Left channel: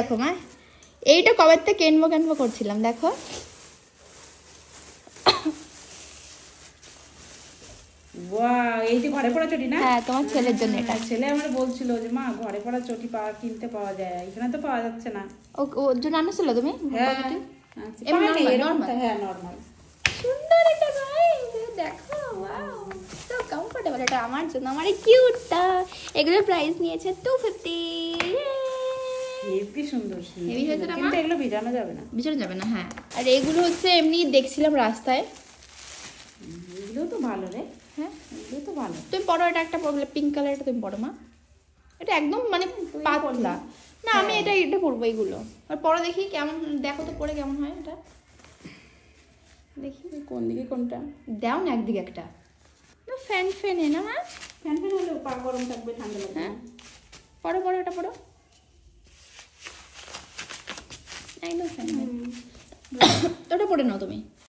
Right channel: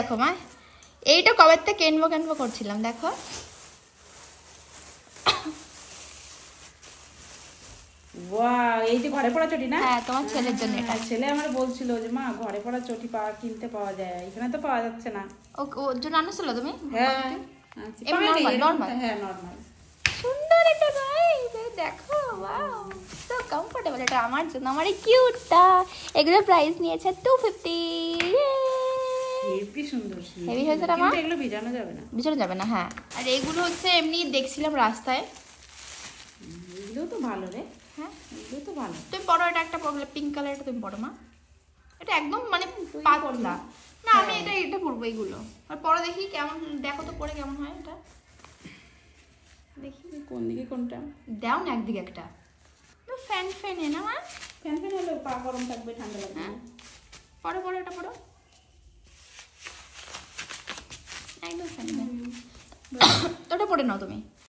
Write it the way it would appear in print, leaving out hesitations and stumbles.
দেখো মা, এইটা কবে থেকে কেনবো করছিলাম, দেখো। ওয়াও, এই যে ঘরে পড়া চটি না? হ্যাঁ, তোমার ছেলের জন্য এটা। ছেলে আমার বলছিল যে মা ঘরে পড়া চটি কিনতে পাওয়া যায়, এখানে তো পাওয়া যাচ্ছে না। ওর জন্য আনছিল তুমি? হ্যাঁ, নরমাল। হ্যাঁ নরমাল। সুন্দর এটা গাইস, দেখো ওয়াও, সো কমফোর্টেবল। এটা আমার জন্য, আমার এই কিউটটা। এগুলোর প্রাইস নিয়েছে 250। হেভি সুন্দর, হেভি হয়েছে না? কিন্তু এগুলো ভিজানো যাবে না। ভিজানো যাবে না, হ্যাঁ। আর এগুলো হচ্ছে এমনি দেখছিলাম রাস্তায়। এগুলো তো ভালো রে। হ্যাঁ, এগুলো তো ভালো। তুমি পরো, এটা একটা পরলে পিঙ্ক কালার, এটা তুমি পরো মা। এটা একদম মানে পাতলা না, আমি এটা পরবো এইগুলো। আর পরে দেখি কেমন, দেখো তো পরে কেমন হয় এটা, দেখি কোন দিকে কোনটা দাও না, একদিকে একটা ফ্যান ফ্যানে না মা। ফ্যান হলে পা গরম থাকবে, ঠান্ডা লাগবে। হ্যাঁ, পরো এটা পরো, একদম ফ্যান। তো ওটা পরে নাও তুমি।